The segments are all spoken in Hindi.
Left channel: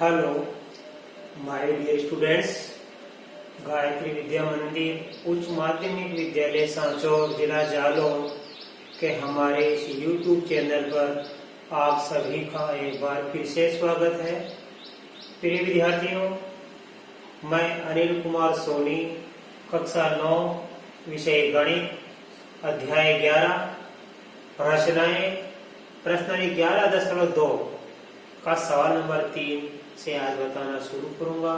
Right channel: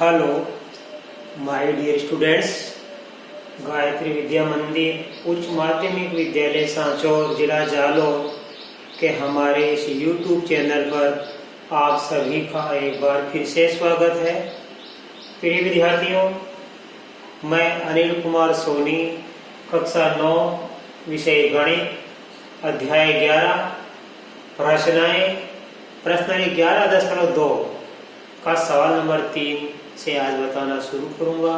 Hello my dear students. Gayatri Vidya Mandir उच्च माध्यमिक विद्यालय सांचौर जिला जालौर के हमारे इस YouTube चैनल पर आप सभी का एक बार फिर से स्वागत है। प्रिय विद्यार्थियों, मैं अनिल कुमार सोनी, कक्षा 9, विषय गणित, अध्याय 11, रचनाएं, प्रश्न 11.2 का सवाल नंबर 3 से आज बताना शुरू करूंगा।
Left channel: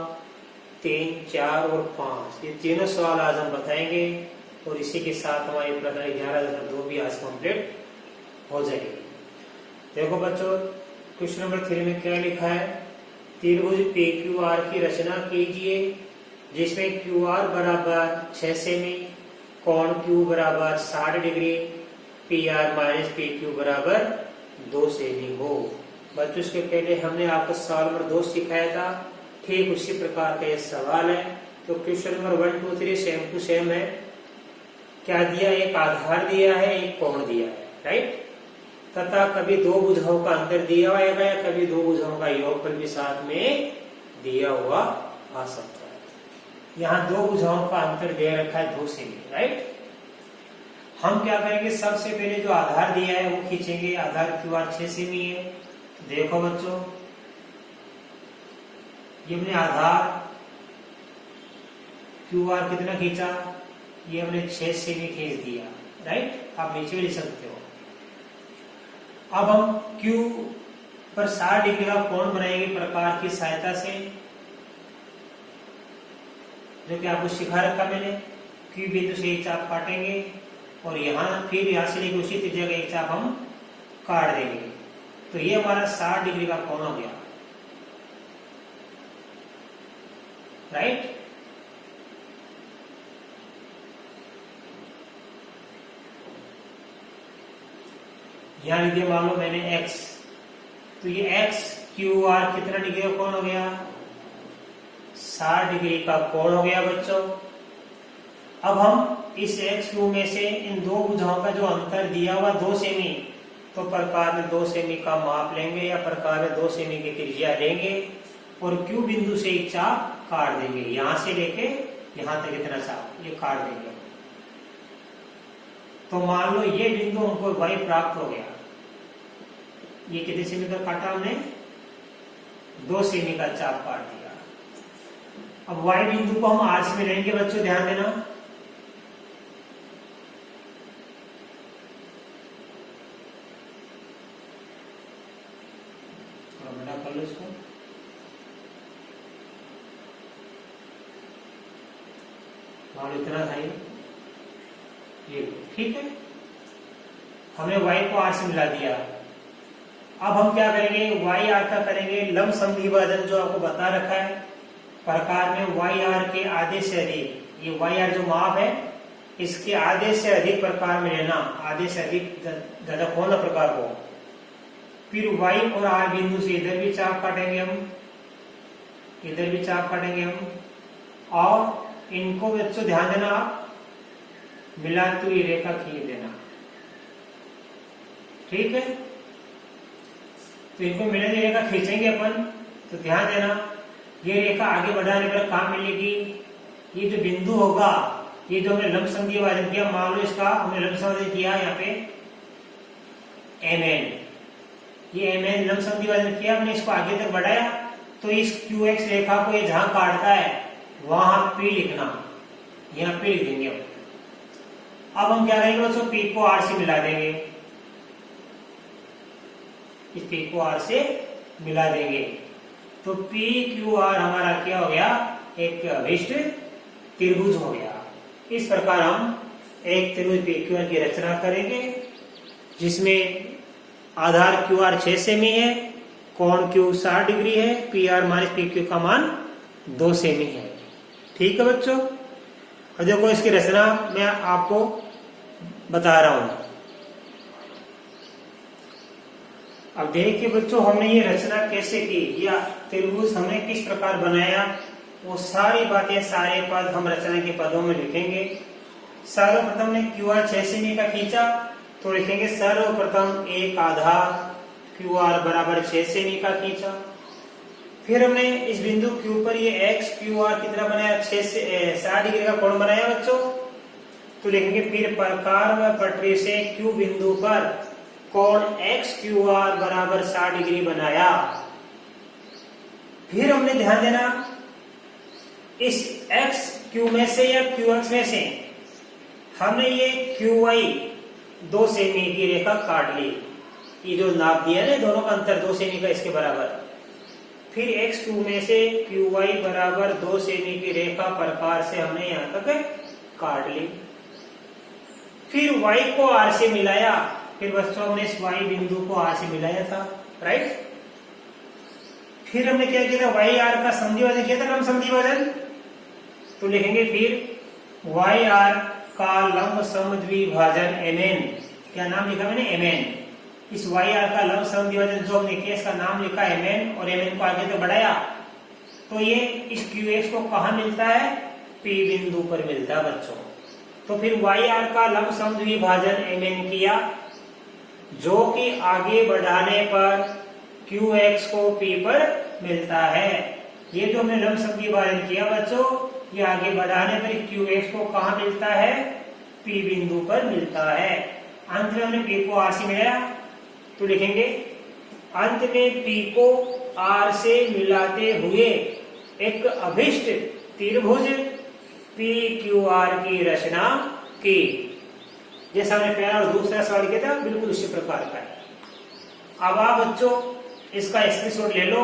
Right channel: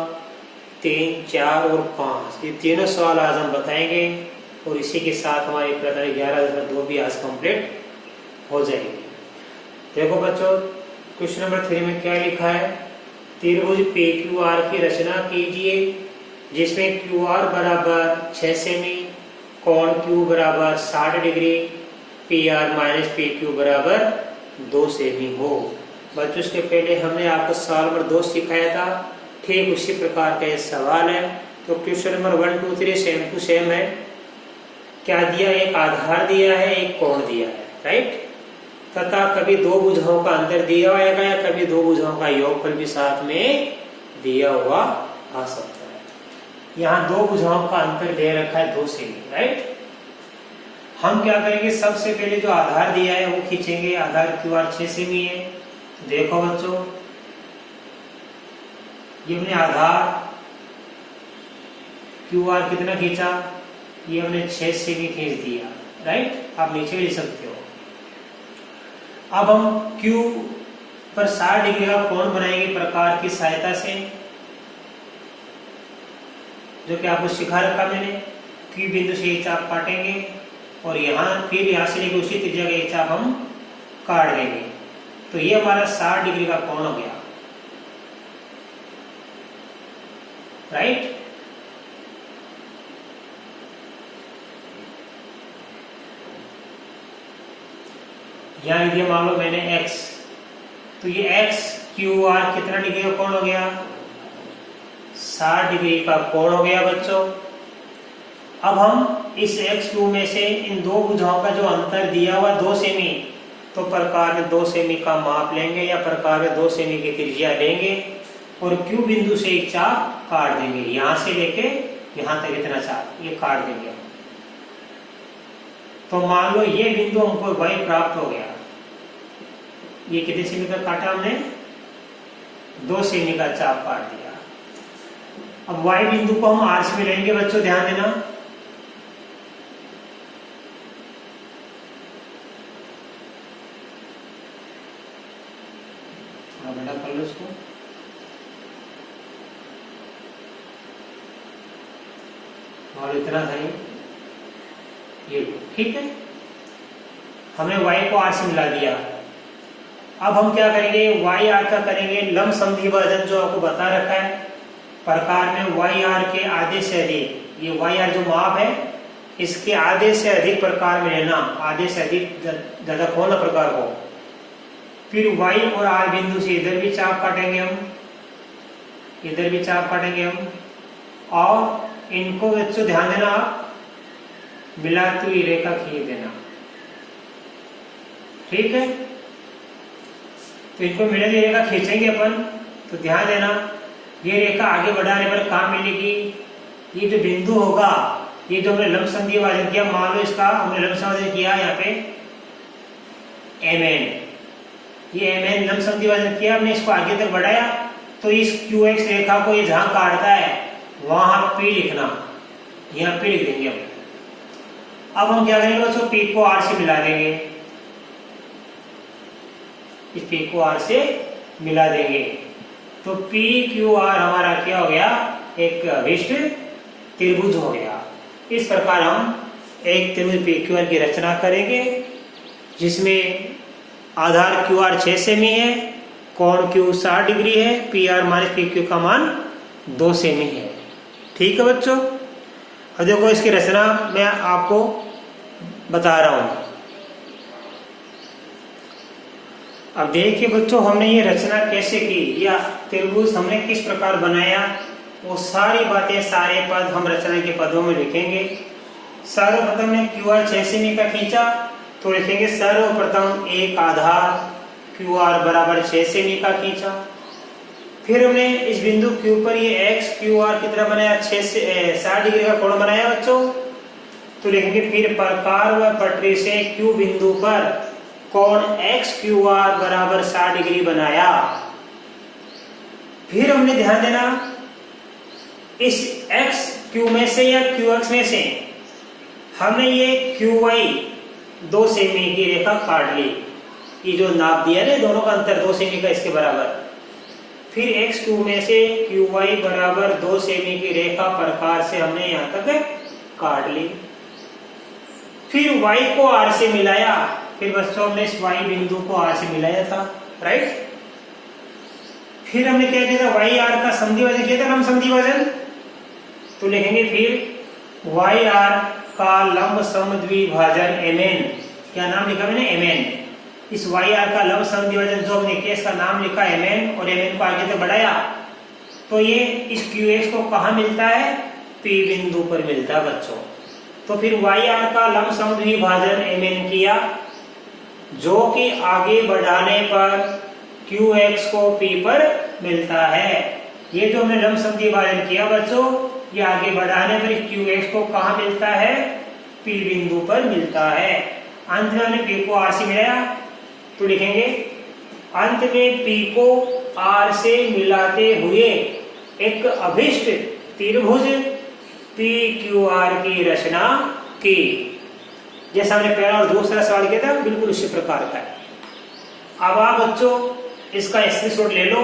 3, 4 और 5 ये तीनों सवाल आज हम बताएंगे और इसी के साथ हमारे प्रश्न 11.2 भी आज कंप्लीट हो जाएंगे। देखो बच्चों, क्वेश्चन नंबर 3 में क्या लिखा है? त्रिभुज PQR की रचना कीजिए जिसमें QR बराबर 6 सेमी, कोण Q बराबर 60 डिग्री, PR माइनस PQ बराबर 2 सेमी हो। बच्चों, इसके पहले हमने आपको सवाल नंबर 2 सिखाया था, ठीक उसी प्रकार का सवाल है। तो question number 1, 2, 3 same to same है। क्या दिया? एक आधार दिया है, एक कोण दिया है, राइट। तथा कभी दो भुजाओं का अंतर दिया होगा या कभी दो भुजाओं का योगफल भी साथ में दिया हुआ आ सकता है। यहाँ दो भुजाओं का अंतर दे रखा है 2 सेमी, राइट। हम क्या करेंगे? सबसे पहले जो आधार दिया है वो खींचेंगे। आधार QR 6 सेमी है। देखो बच्चों, ये हमने आधार QR कितना खींचा? ये हमने 6 सेमी खींच दिया, राइट। आप नीचे लिख सकते हो। अब हम Q पर 60 डिग्री का कोण बनाएंगे प्रकार की सहायता से, जो कि आपको सिखा रखा मैंने। Q बिंदु से एक चाप काटेंगे और फिर यहाँ से लेकर उसी त्रिज्या का एक चाप हम काट देंगे। तो ये हमारा 60 डिग्री का कोण हो गया, राइट। यहाँ लिख दिया मान लो मैंने X, तो ये X QR कितना डिग्री का कोण हो गया? 60 डिग्री का कोण हो गया बच्चों। अब हम इस XQ में से इन दो भुजाओं का जो अंतर दिया हुआ 2 सेमी, तो प्रकार में 2 सेमी का माप लेंगे या प्रकार में 2 सेमी की त्रिज्या लेंगे और Q बिंदु से एक चाप काट देंगे। यहां से लेके यहां तक इतना चाप ये काट देंगे। तो मान लो ये बिंदु हमको Y प्राप्त हो गया। ये कितने सेमी का काटा हमने? 2 सेमी का चाप काट दिया। अब Y बिंदु को हम आर्स में लेंगे बच्चों, ध्यान देना। बड़ा कर लो इसको। और इतना था ये, ठीक है। हमने Y को R से मिला दिया। अब हम क्या करेंगे? Y R का करेंगे लंब समद्वि विभाजन, जो आपको बता रखा है प्रकार में Y R के आधे से अधिक। ये Y R जो माप है इसके आधे से अधिक प्रकार में लेना, आधे से अधिक ज्यादा कौन सा प्रकार हो। फिर Y और R बिंदु से इधर भी चाप काटेंगे हम, इधर भी चाप काटेंगे हम, और इनको बच्चों ध्यान देना, मिलाती हुई रेखा खींच देना, ठीक है। तो इनको मिलाती हुई रेखा खींचेंगे अपन, तो ध्यान देना ये रेखा आगे बढ़ाने पर कहाँ मिलेगी? ये जो बिंदु होगा, ये जो हमने लंब समद्वि विभाजन किया, मान लो इसका हमने लंब समद्वि किया यहाँ पे MN, ये MN लंब समद्वि विभाजन किया हमने, इसको आगे तक बढ़ाया। तो इस QX रेखा को ये जहां काटता है वहां P लिखना, यहाँ P लिख देंगे। अब हम क्या करेंगे बच्चों? P को R से मिला देंगे, इस P को R से मिला देंगे। तो PQR हमारा क्या हो गया? एक अभिष्ट त्रिभुज हो गया। इस प्रकार हम एक त्रिभुज PQR की रचना करेंगे जिसमें आधार QR 6 सेमी है, कोण Q 60 डिग्री है, PR माइनस PQ का मान 2 सेमी है, ठीक है बच्चों। अब देखो इसकी रचना मैं आपको बता रहा हूं। अब देखिए बच्चों, हमने ये रचना कैसे की या त्रिभुज हमने किस प्रकार बनाया, वो सारी बातें, सारे पद हम रचना के पदों में लिखेंगे। सर्वप्रथम ने QR 6 सेमी का खींचा, तो लिखेंगे सर्वप्रथम एक आधार QR बराबर 6 सेमी का खींचा। फिर हमने इस बिंदु Q पर ये एक्स क्यू आर कितना बनाया, 6 से 60 डिग्री का कोण बनाया बच्चों। तो लिखेंगे फिर प्रकार व पटरी से Q बिंदु पर कोण एक्स क्यू आर बराबर 60 डिग्री बनाया। फिर हमने ध्यान देना इस एक्स क्यू में से या क्यू एक्स में से हमने ये क्यू वाई 2 सेमी की रेखा काट ली। ये जो नाप दिया ना दोनों का अंतर 2 सेमी का, इसके बराबर। फिर एक्स क्यू में से क्यू वाई बराबर 2 सेमी की रेखा प्रकार से हमने यहां तक काट ली। फिर y को r से मिलाया। फिर बच्चों हमने इस y बिंदु को r से मिलाया था, राइट। फिर हमने क्या किया था, y r का समद्वि भाजन किया था, लंब समद्वि भाजन। तो लिखेंगे फिर y r का लंब समद्वि भाजन mn। क्या नाम लिखा मैंने, mn। इस y r का लंब समद्वि भाजन जो हमने किया इसका नाम लिखा mn और mn को आगे तक बढ़ाया। तो ये इस qx को कहाँ मिलता है, p बिंदु पर मिलता है बच्चों। तो फिर y r का लंब समद्वि भाजन mn किया, जो कि आगे बढ़ाने पर qx को p पर मिलता है। ये जो हमने लंब समद्वि भाजन किया बच्चों, ये आगे बढ़ाने पर qx को कहाँ मिलता है, p बिंदु पर मिलता है। अंत में हमने p को r से मिलाया। तो लिखेंगे अंत में p को r से मिलाते हुए एक अभिष्ट त्रिभुज PQR की रचना की। जैसा हमने पहला और दूसरा सवाल किया था, बिल्कुल उसी प्रकार का है। अब आप बच्चों इसका स्क्रीनशॉट ले लो,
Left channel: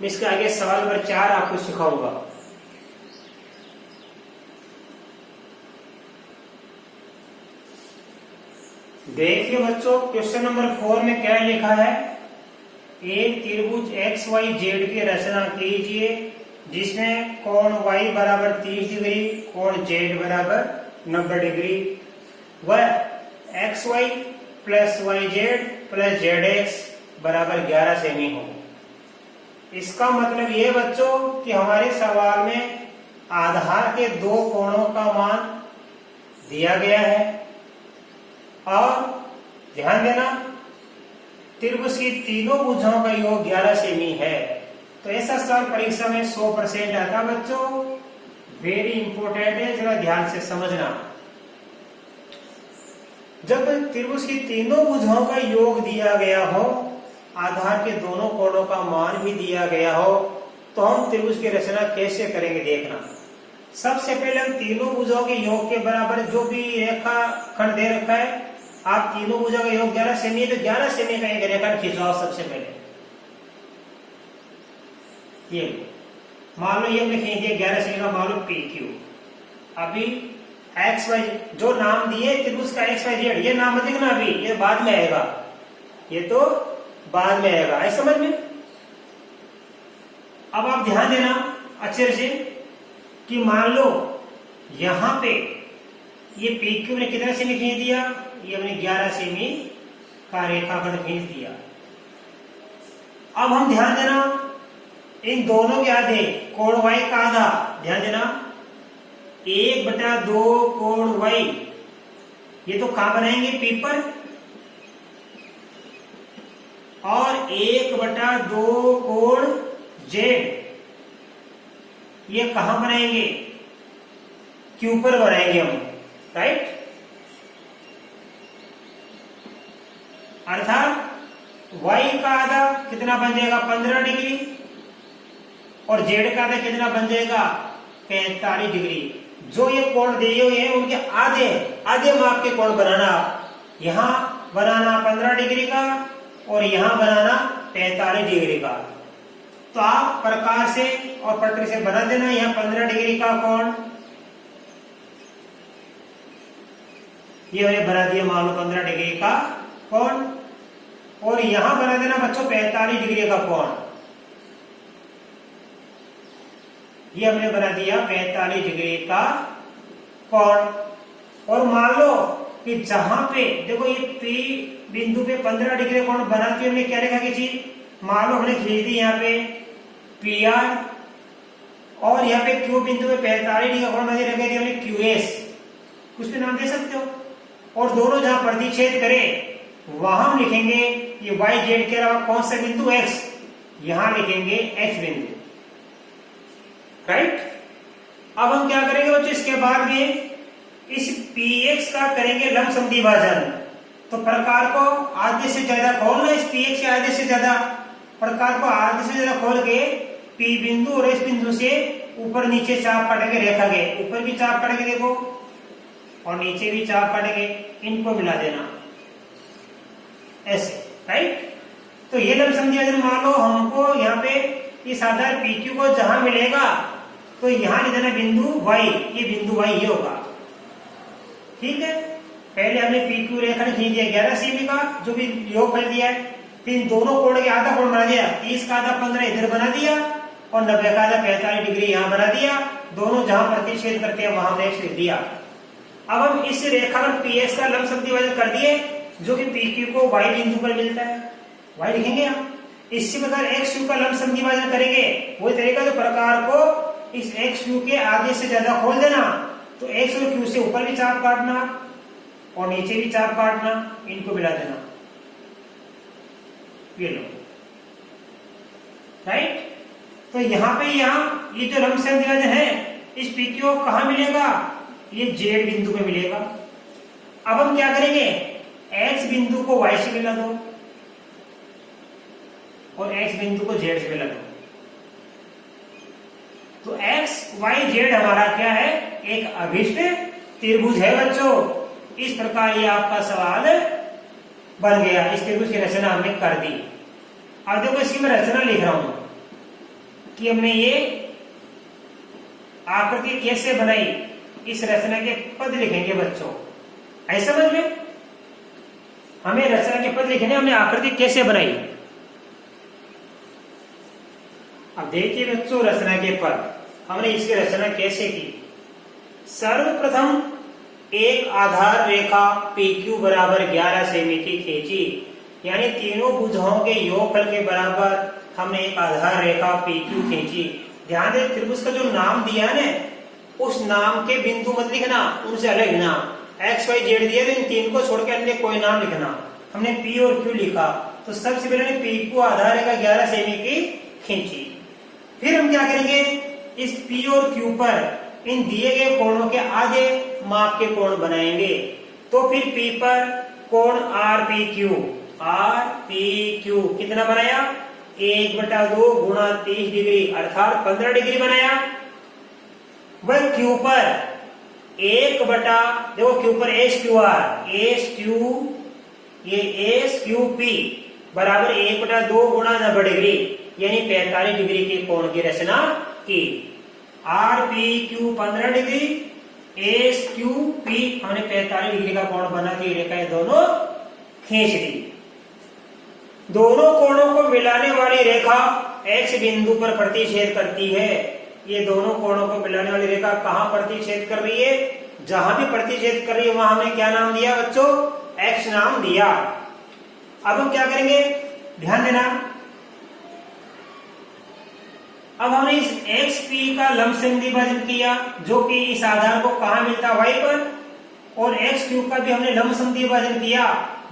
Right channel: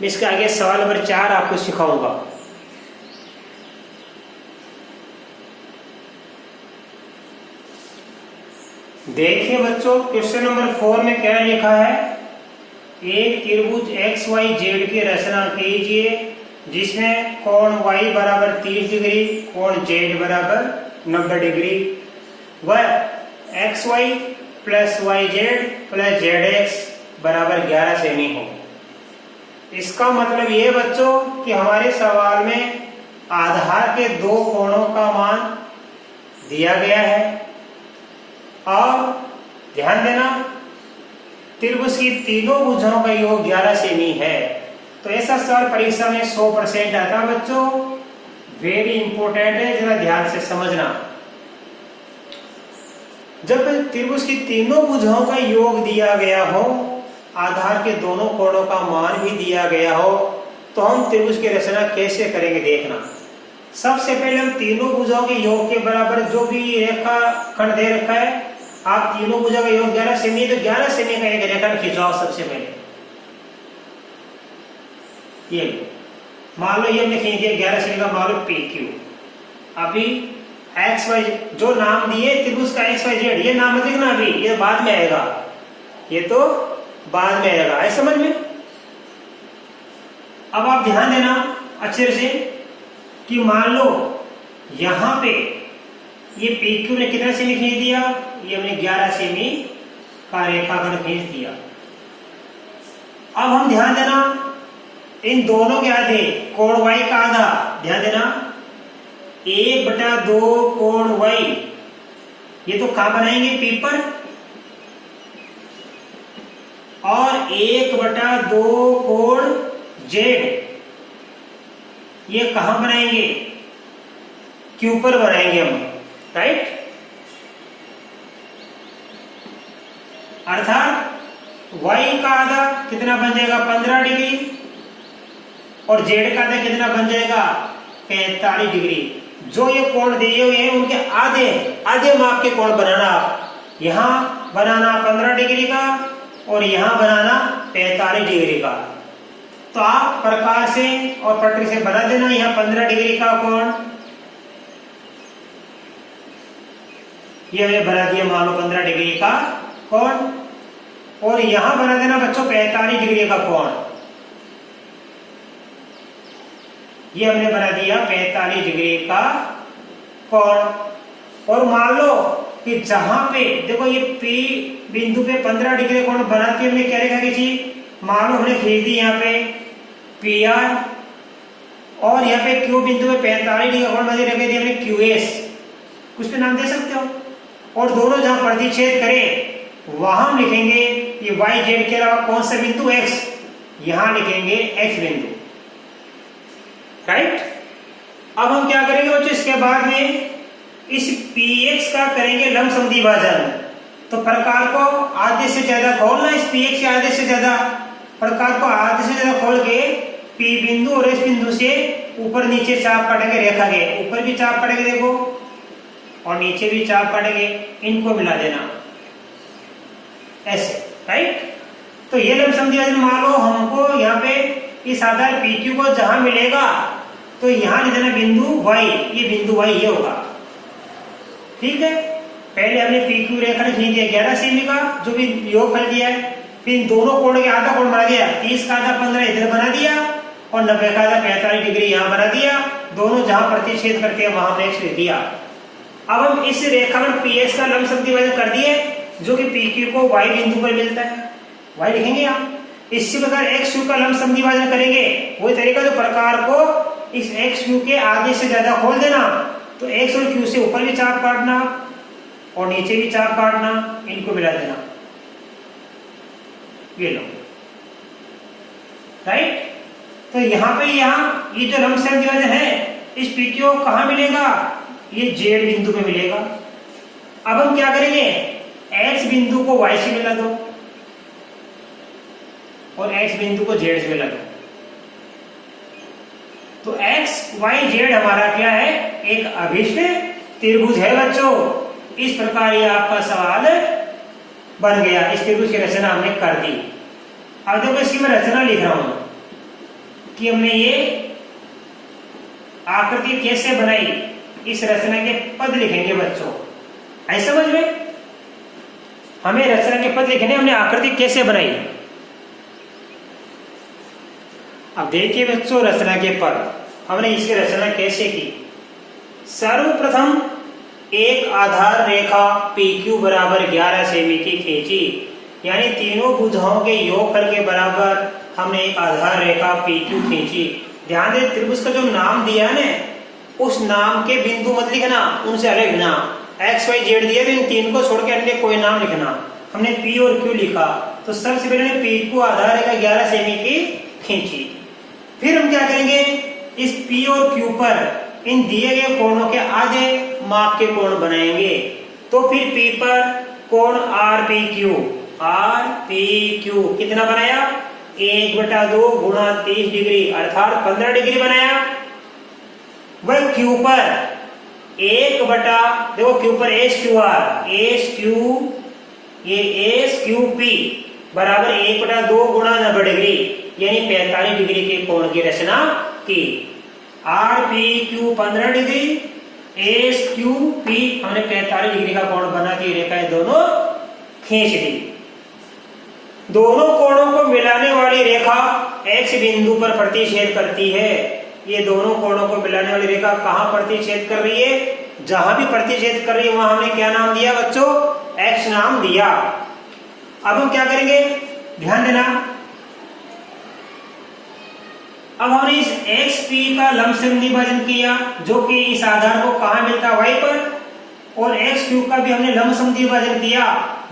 मैं इसके आगे सवाल नंबर 4 आपको सिखाऊंगा। देखिए बच्चों, क्वेश्चन नंबर 4 में क्या लिखा है, एक त्रिभुज XYZ की रचना कीजिए जिसमें कोण y बराबर 30 डिग्री, कोण z बराबर 90 डिग्री व xy plus yz plus zx बराबर 11 सेमी हो। इसका मतलब ये बच्चों कि हमारे सवाल में आधार के दो कोणों का मान दिया गया है और ध्यान देना त्रिभुज की तीनों भुजाओं का योग 11 सेमी है। तो ऐसा सवाल परीक्षा में 100% आता है बच्चों। वेरी इंपॉर्टेंट है, जरा ध्यान से समझना। जब त्रिभुज की तीनों भुजाओं का योग दिया गया हो, आधार के दोनों कोणों का मान भी दिया गया हो, तो हम त्रिभुज की रचना कैसे करेंगे देखना। सबसे पहले हम तीनों भुजाओं के योग के बराबर जो भी रेखा खंड दे रखा है, आप तीनों भुजाओं का योग 11 सेमी, तो 11 सेमी का एक रेखा खिंचवाओ। सबसे पहले ये मान लो ये हमने खींच दिया 11 सेमी का, मान लो PQ। अभी XY जो नाम दिए त्रिभुज का XYZ, ये नाम मत लिखना अभी, ये बाद में आएगा, ये तो बाद में आएगा, है समझ में। अब आप ध्यान देना अच्छे से कि मान लो यहां पे ये PQ ने कितना सेमी खींच दिया, ये हमने 11 सेमी का रेखाखंड खींच दिया। अब हम ध्यान देना इन दोनों के आधे कोण y का आधा, ध्यान देना 1/2 कोण y, ये तो कहां बनाएंगे P पर, और 1/2 कोण z, ये कहां बनाएंगे, Q पर बनाएंगे हम, राइट। अर्थात y का आधा कितना बन जाएगा 15 डिग्री और z का आधा कितना बन जाएगा 45 डिग्री। जो ये कोण दिए हुए हैं उनके आधे आधे माप के कोण बनाना, यहां बनाना 15 डिग्री का और यहां बनाना 45 डिग्री का। तो आप प्रकार से और पटरी से बना देना, यहां 15 डिग्री का कोण ये हमने बना दिया, मान लो 15 डिग्री का कोण, और यहां बना देना बच्चों 45 डिग्री का कोण, ये हमने बना दिया 45 डिग्री का कोण। और मान लो कि जहां पे देखो ये P बिंदु पे 15 डिग्री कोण बना के हमने क्या रेखा खींची, मान लो हमने खींच दी यहाँ पे PR और यहाँ पे Q बिंदु पे 45 डिग्री कोण बना रख दिया हमने QS, कुछ पे नाम दे सकते हो। और दोनों जहां प्रतिच्छेद करें वहां हम लिखेंगे ये YZ के अलावा कौन सा बिंदु X, यहां लिखेंगे X बिंदु। राइट। अब हम क्या करेंगे बच्चों, इसके बाद में इस पीएक्स का करेंगे लंब समद्वि भाजन। तो प्रकार को आधे से ज्यादा खोलना, इस पीएक्स के आधे से ज्यादा प्रकार को आधे से ज्यादा खोल के पी बिंदु और एस बिंदु से ऊपर नीचे चाप काटेंगे रेखा के, ऊपर भी चाप काटेंगे देखो और नीचे भी चाप काटेंगे, इनको मिला देना ऐसे, राइट। तो ये लंब समद्वि भाजन मान लो हमको यहाँ पे इस आधार PQ को जहां मिलेगा तो यहाँ लिख देना बिंदु Y, ये बिंदु Y ये होगा, ठीक है। पहले हमने PQ रेखा खींच दिया 11 सेमी का जो भी योगफल दिया है, फिर दोनों कोण के आधा कोण बना दिया, 30 का आधा 15 इधर बना दिया और 90 का आधा 45 डिग्री यहाँ बना दिया, दोनों जहां प्रतिच्छेद करते हैं वहां हमने लिख दिया। अब हम इस रेखाखंड PX का लंब समद्वि भाजन कर दिए जो कि PQ को Y बिंदु पर मिलता है, Y लिखेंगे हम। इसी प्रकार XQ का लंब समद्वि भाजन करेंगे, वही तरीका जो प्रकार को इस XQ के आधे से ज्यादा खोल देना, तो X और Q से ऊपर भी चाप काटना और नीचे भी चाप काटना, इनको मिला देना, ये लो, राइट। तो यहाँ पे ये जो लंब समद्वि भाजन है इस PQ कहाँ मिलेगा, ये Z बिंदु पे मिलेगा। अब हम क्या करेंगे, X बिंदु को Y से मिला दो और X बिंदु को Z से मिला दो। तो X Y Z हमारा क्या है, एक अभिष्ट त्रिभुज है बच्चों। इस प्रकार ये आपका सवाल बन गया, इस त्रिभुज की रचना हमने कर दी। अब देखो इसकी मैं रचना लिख रहा हूं कि हमने ये आकृति कैसे बनाई, इस रचना के पद लिखेंगे बच्चों, ऐसा समझ में। हमें रचना के पद लिखने, हमने आकृति कैसे बनाई। अब देखिए बच्चों रचना के पद, हमने इसकी रचना कैसे की। सर्वप्रथम एक आधार रेखा PQ बराबर 11 सेमी की खींची, यानी तीनों भुजाओं के योगफल के बराबर हमने एक आधार रेखा PQ खींची। ध्यान दे त्रिभुज का जो नाम दिया है ना, उस नाम के बिंदु मत लिखना, उनसे अलग लिखना। X Y Z दिया तो इन तीन को छोड़ के अन्य कोई नाम लिखना। हमने P और Q लिखा, तो सबसे पहले PQ आधार रेखा 11 सेमी की खींची। फिर हम क्या करेंगे, इस P और Q पर इन दिए गए कोणों के आधे माप के कोण बनाएंगे। तो फिर P पर कोण RPQ कितना बनाया, 1/2 गुणा 30 डिग्री अर्थात 15 डिग्री बनाया। वह Q पर 1/, देखो Q पर SQP बराबर 1/2 गुणा 90 डिग्री यानी 45 डिग्री के कोण की रचना की। RPQ 15 डिग्री, SQP हमने 45 डिग्री का कोण बना के रेखाएं दोनों खींच दी। दोनों कोणों को मिलाने वाली रेखा X बिंदु पर प्रतिच्छेद करती है। ये दोनों कोणों को मिलाने वाली रेखा कहां प्रतिच्छेद कर रही है, जहां भी प्रतिच्छेद कर रही है वहां हमने क्या नाम दिया बच्चों, X नाम दिया। अब हम क्या करेंगे, ध्यान देना। अब हमने इस XP का लंब समद्वि भाजन किया जो कि इस आधार को कहां मिलता है, Y पर, और XQ का भी हमने लंब समद्वि भाजन किया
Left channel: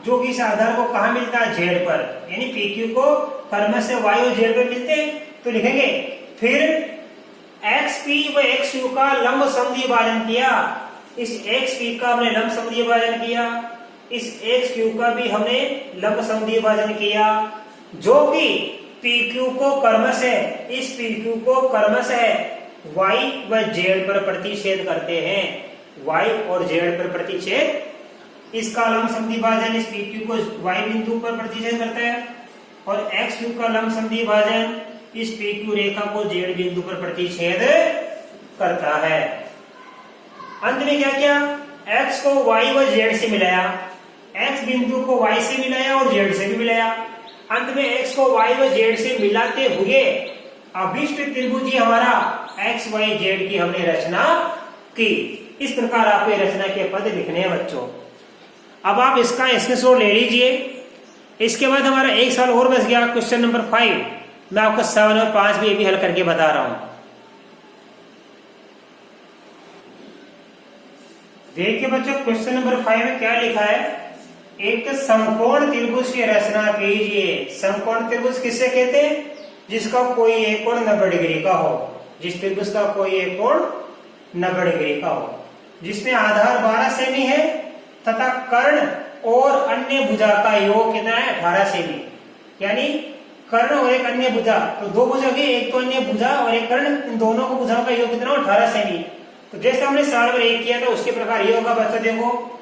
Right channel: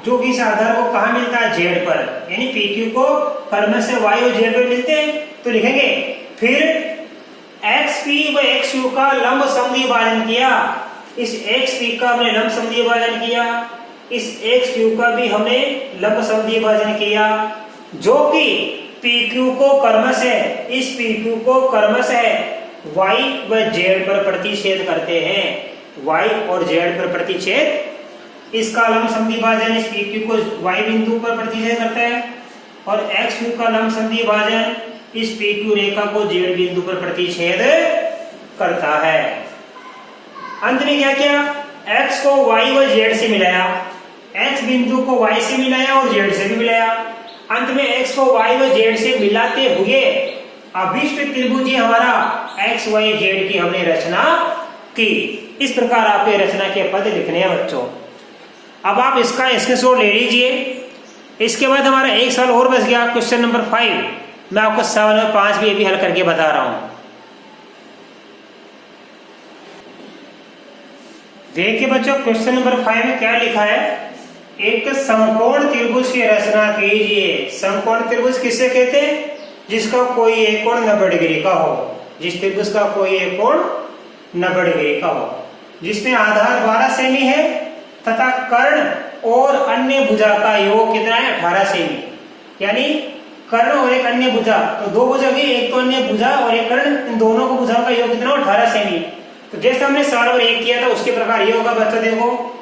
जो कि इस आधार को कहां मिलता है, Z पर, यानी PQ को क्रम से Y और Z पर मिलते हैं। तो लिखेंगे फिर XP व XQ का लंब समद्वि भाजन किया। इस XP का हमने लंब समद्वि भाजन किया, इस XQ का भी हमने लंब समद्वि भाजन किया जो कि PQ को क्रमशः, इस PQ को क्रमशः Y व Z पर प्रतिच्छेद करते हैं। Y और Z पर प्रतिच्छेद, इसका लंब समद्वि भाजन इस PQ को Y बिंदु पर प्रतिच्छेद करता है और XQ का लंब समद्वि भाजन इस PQ रेखा को Z बिंदु पर प्रतिच्छेद करता है। अंत में क्या किया, X को Y व Z से मिलाया, X बिंदु को Y से मिलाया और Z से भी मिलाया। अंत में X को Y व Z से मिलाते हुए अभिष्ट त्रिभुज हमारा X Y Z की हमने रचना की। इस प्रकार आपके रचना के पद लिखने हैं बच्चों। अब आप इसका स्क्रीनशॉट ले लीजिए। इसके बाद हमारा एक सवाल और बच गया, क्वेश्चन नंबर 5। मैं आपको 7 और 5 भी हल करके बता रहा हूं। देखिए बच्चों क्वेश्चन नंबर 5 में क्या लिखा है, एक समकोण त्रिभुज की रचना कीजिए। समकोण त्रिभुज किसे कहते हैं, जिसका कोई एक कोण 90 डिग्री का हो। जिस त्रिभुज का कोई एक कोण 90 डिग्री का हो, जिसमें आधार 12 सेमी है तथा कर्ण और अन्य भुजा का योग कितना है 18 सेमी। यानी कर्ण और एक अन्य भुजा, तो दो भुजा की, एक तो अन्य भुजा और एक कर्ण, इन दोनों को भुजाओं का योग कितना हो 18 सेमी। तो जैसे हमने सवाल नंबर 1 किया था उसके प्रकार ये होगा बच्चों। देखो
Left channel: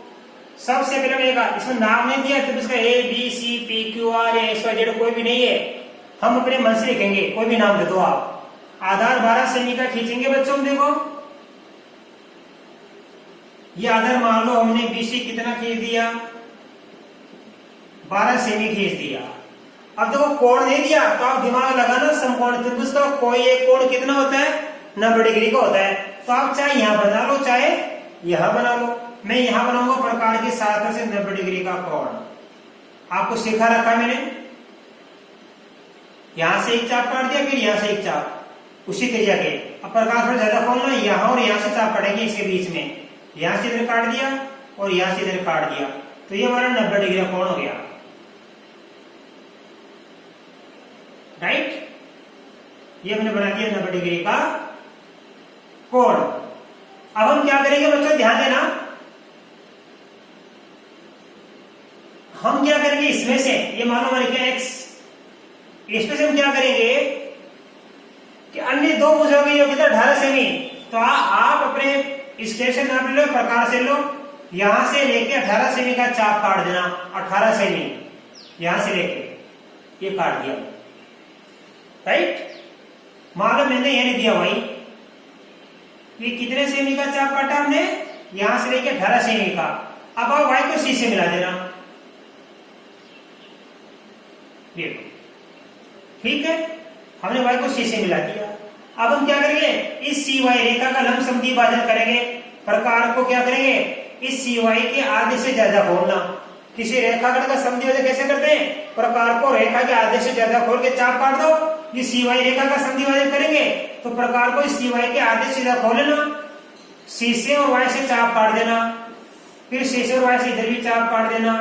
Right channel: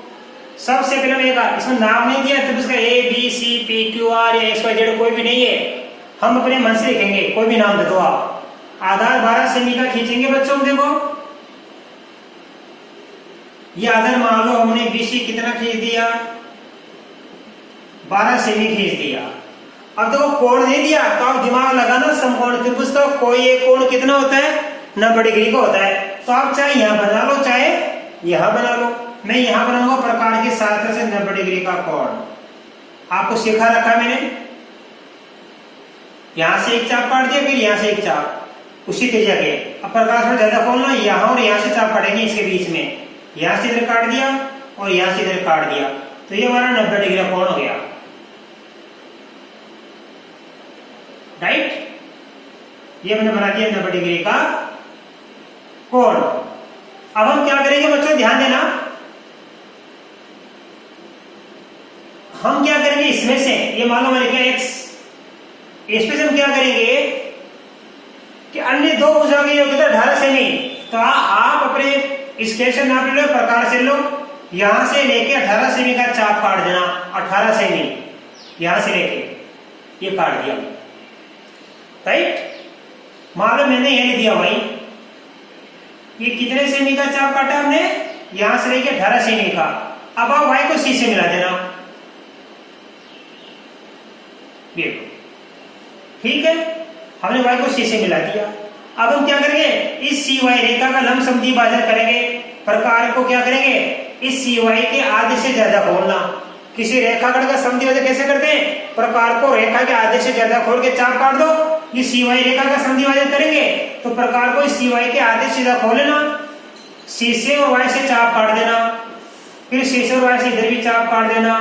सबसे पहले इसमें नाम नहीं दिया तो उसका A B C P Q R या एक्स वाई जेड कोई भी नहीं है, हम अपने मन से लिखेंगे, कोई भी नाम दे दो आप। आधार 12 सेमी का खींचेंगे बच्चों। देखो ये आधार मान लो हमने बीसी कितना खींच दिया 12 सेमी खींच दिया। अब देखो कोण नहीं दिया तो आप दिमाग लगाना, समकोण त्रिभुज का कोई एक कोण कितना होता है 90 डिग्री का होता है। तो आप चाहे यहां बना लो चाहे यहां बना लो, मैं यहां बनाऊंगा प्रकार की सहायता से 90 डिग्री का कोण। आपको सिखा रखा है मैंने, यहां से एक चाप काट दिया फिर यहां से एक चाप उसी त्रिज्या के। अब प्रकार थोड़ा ज्यादा खोलना, यहां और यहां से चाप काटेंगे इसके बीच में, यहां से इधर काट दिया और यहां से इधर काट दिया, तो ये हमारा 90 डिग्री का कोण हो गया। राइट, ये मैंने बना दिया 90 डिग्री का कोण। अब हम क्या करेंगे बच्चों, ध्यान देना, हम क्या करेंगे इसमें से, ये मान लो मैंने किया x, इसमें से हम क्या करेंगे कि अन्य दो भुजाओं की योग कितना 18 सेमी। तो आप अपने स्केल से नाप लो, प्रकार से लो, यहां से लेके 18 सेमी का चाप काट देना। 18 सेमी यहां से लेके ये काट दिया। राइट, मान लो मैंने ये दिया भाई, ये कितने सेमी का चाप काटा हमने, यहां से लेके 18 सेमी का। अब आप y को c से मिला देना, ये ठीक है, हमने y को c से मिला दिया। अब हम क्या करेंगे, इस cy रेखा का लंब समद्वि भाजन करेंगे। प्रकार को क्या करेंगे, इस cy के आधे से ज्यादा खोलना। किसी रेखाखंड का समद्वि भाजन कैसे करते हैं, प्रकार को रेखा के आधे से ज्यादा खोल के चाप काट दो। ये cy रेखा का समद्वि भाजन करेंगे तो प्रकार को इस cy के आधे से ज्यादा खोल लेना, c से और y से चाप काट देना, फिर c से और y से इधर भी चाप काट देना,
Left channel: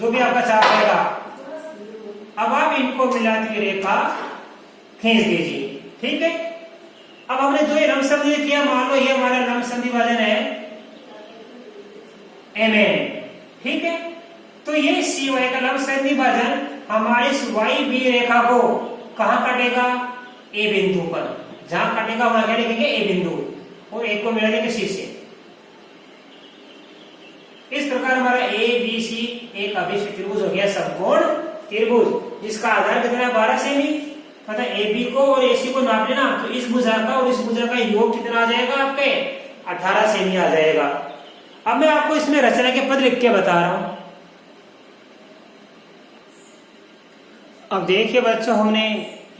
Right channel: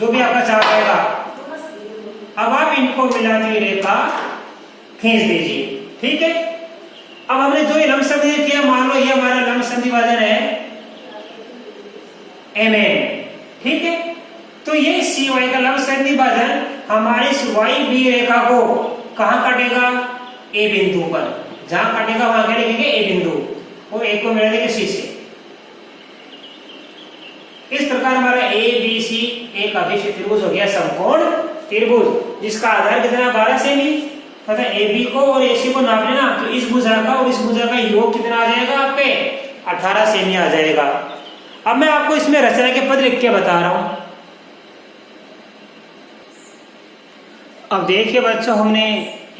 जो भी आपका चाप आएगा। अब आप इनको मिलाती रेखा खींच दीजिए। ठीक है, अब हमने जो ये लंब समद्वि किया, मान लो ये हमारा लंब समद्वि भाजन है MN। ठीक है, तो ये CY का लंब समद्वि भाजन हमारे YB रेखा को कहां काटेगा, A बिंदु पर। जहां काटेगा वहां क्या लिखेंगे A बिंदु, और एक को मिला देंगे C से। इस प्रकार हमारा ABC एक अभिष्ट त्रिभुज हो गया, समकोण त्रिभुज, जिसका आधार कितना 12 सेमी तथा AB को और AC को नाप लेना। तो इस भुजा का और इस भुजा का योग कितना आ जाएगा आपके 18 सेमी आ जाएगा। अब मैं आपको इसमें रचना के पद लिख के बता रहा हूं। अब देखिए बच्चों, हमने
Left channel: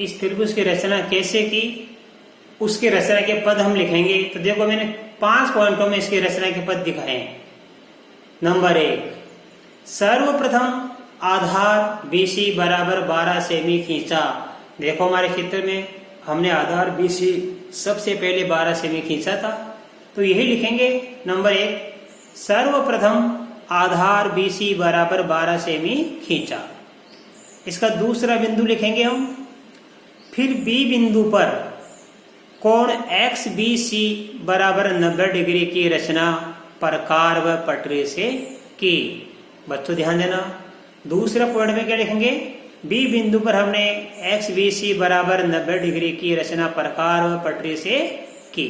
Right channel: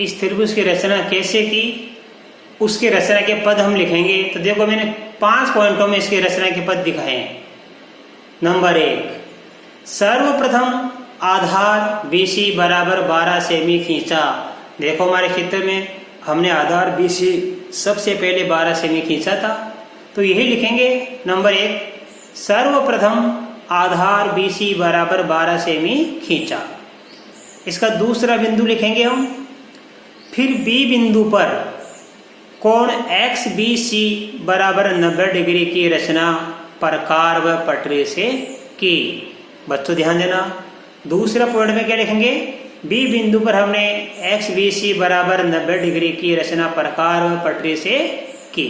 इस त्रिभुज की रचना कैसे की, उसके रचना के पद हम लिखेंगे। तो देखो मैंने 5 पॉइंटों में इसके रचना के पद दिखाए हैं। नंबर 1, सर्वप्रथम आधार BC बराबर 12 सेमी खींचा। देखो हमारे चित्र में हमने आधार BC सबसे पहले 12 सेमी खींचा था, तो यही लिखेंगे। नंबर 1, सर्वप्रथम आधार BC बराबर 12 सेमी खींचा। इसका दूसरा बिंदु लिखेंगे हम, फिर B बिंदु पर कोण XBC बराबर 90 डिग्री की रचना प्रकार व पटरी से की। बच्चों ध्यान देना, दूसरा पॉइंट में क्या लिखेंगे, B बिंदु पर हमने XBC बराबर 90 डिग्री की रचना प्रकार व पटरी से की।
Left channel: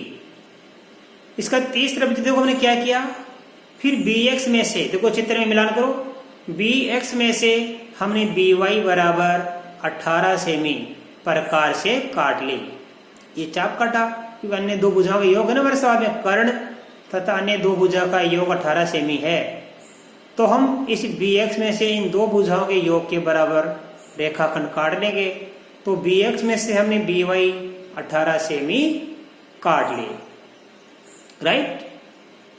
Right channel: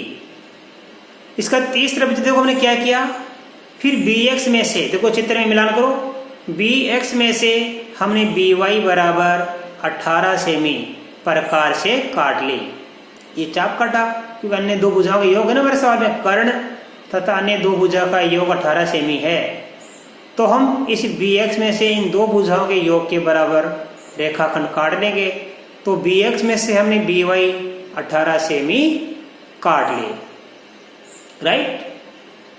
इसका तीसरा बिंदु देखो हमने क्या किया, फिर BX में से, देखो चित्र में मिलान करो, BX में से हमने BY बराबर 18 सेमी प्रकार से काट ली। ये चाप काटा, क्योंकि अन्य दो भुजाओं का योग है ना मेरे सवाल में, कर्ण तथा अन्य दो भुजा का योग 18 सेमी है। तो हम इस BX में से इन दो भुजाओं के योग के बराबर रेखाखंड काट लेंगे। तो BX में से हमने BY 18 सेमी काट लिए। राइट,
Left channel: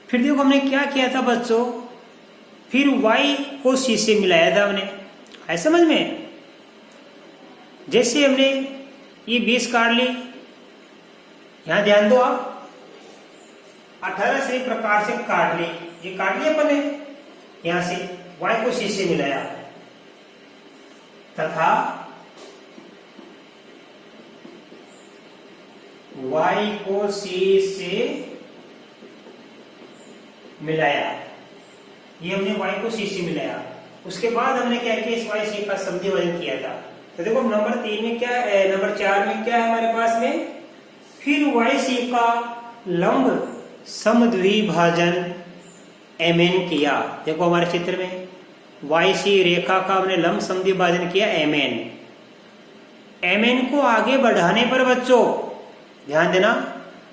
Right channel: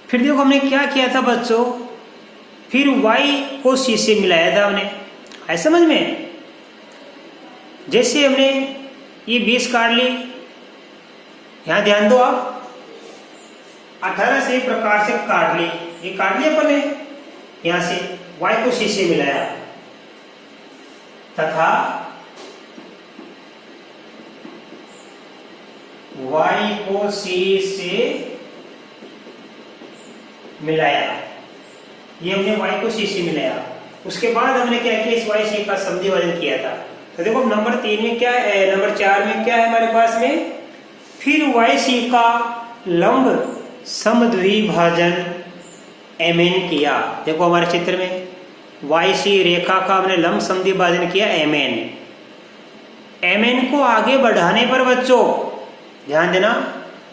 फिर देखो हमने क्या किया था बच्चों, फिर Y को C से मिलाया था हमने, है समझ में। जैसे हमने ये 20 काट ली, यहां ध्यान दो आप, 18 से प्रकार से काट ली, ये काट लिया अपन ने, यहां से Y को C से मिलाया तथा y को c से मिलाया, ये हमने y को c से मिलाया। उसके बाद हमने क्या किया, इस y c का समद्वि भाजन किया था। तो देखो नंबर 3 में क्या है, नंबर 4 में क्या है हमारे पास में, फिर y c का लंब समद्विभाजन mn किया। देखो हमारे चित्र में YC रेखा का हमने लंब समद्विभाजन किया mn को आगे बढ़ाने पर बच्चों ध्यान देना,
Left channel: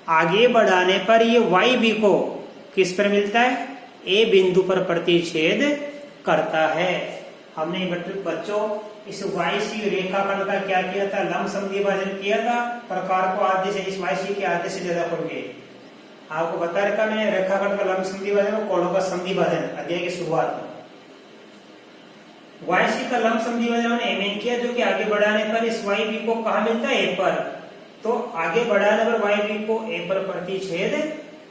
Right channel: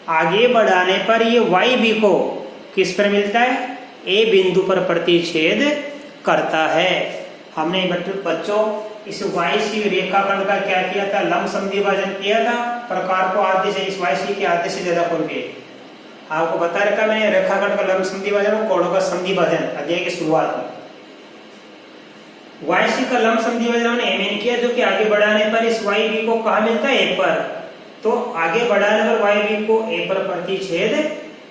आगे बढ़ाने पर ये YB को किस पर मिलता है, A बिंदु पर प्रतिच्छेद करता है। हमने बच्चों इस YC रेखाखंड का क्या किया था, लंब समद्विभाजन किया था, प्रकार को आधे से, इस YC के आधे से ज्यादा खोल के आपको बता रखा मैंने, रेखाखंड का लंब समद्विभाजन और कोणों का समद्विभाजन अध्याय की शुरुआत में। YC का लंब समद्विभाजन हमने mn किया, जो कि आगे बढ़ाने पर इस YB को कहाँ मिलता है, A पर। तो आगे बढ़ाने पर YB को A पर प्रतिच्छेद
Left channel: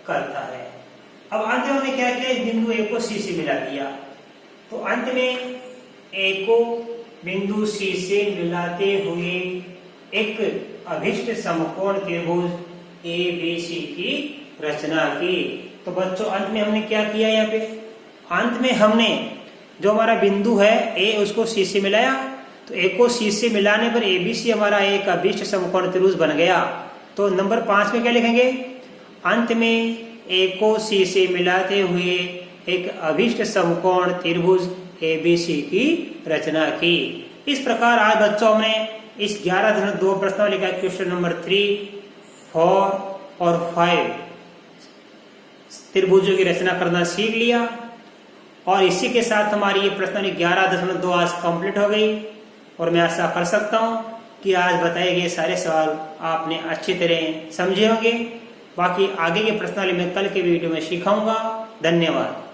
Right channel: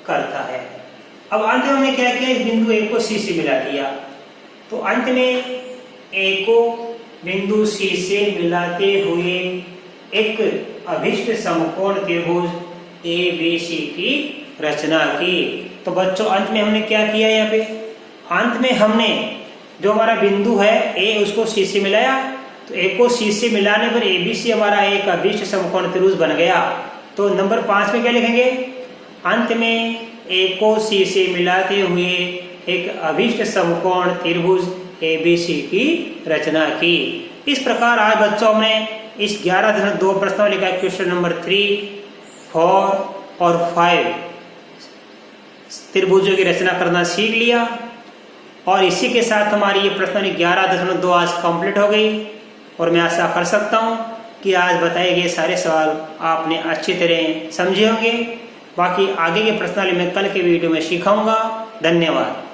करता है। अब अंत में हमने क्या किया, इस बिंदु A को C से मिला दिया। तो अंत में A को बिंदु C से मिलाते हुए एक अभिष्ट समकोण त्रिभुज ABC की रचना की। तो बच्चों अंत में हमने क्या किया, यहाँ पे अंत में हमने जो हमारा बिंदु है A, उसको C से मिलाया। तो A को C से मिलाने पर ABC हमारा एक अभिष्ट समकोण त्रिभुज बन गया। तो नंबर 5 में क्या लिखेंगे, अंत में A को C से मिलाते हुए एक अभिष्ट समकोण त्रिभुज ABC की रचना की। इस प्रकार आज बच्चों में इस 11.2 प्रश्नावली का क्वेश्चन नंबर 3, 4 और 5 त्रिभुजों की रचना करना सीख लिया। और इसी के साथ हमारी ये प्रश्नावली 11.2 आज कंप्लीट हो गई। और मैं आशा कर सकता हूँ कि आज बताए गए सारे सवाल आपने अच्छी तरह समझे होंगे। बाकी आगे के प्रश्नावली मैं कल के वीडियो में सिखाऊंगा। धन्यवाद।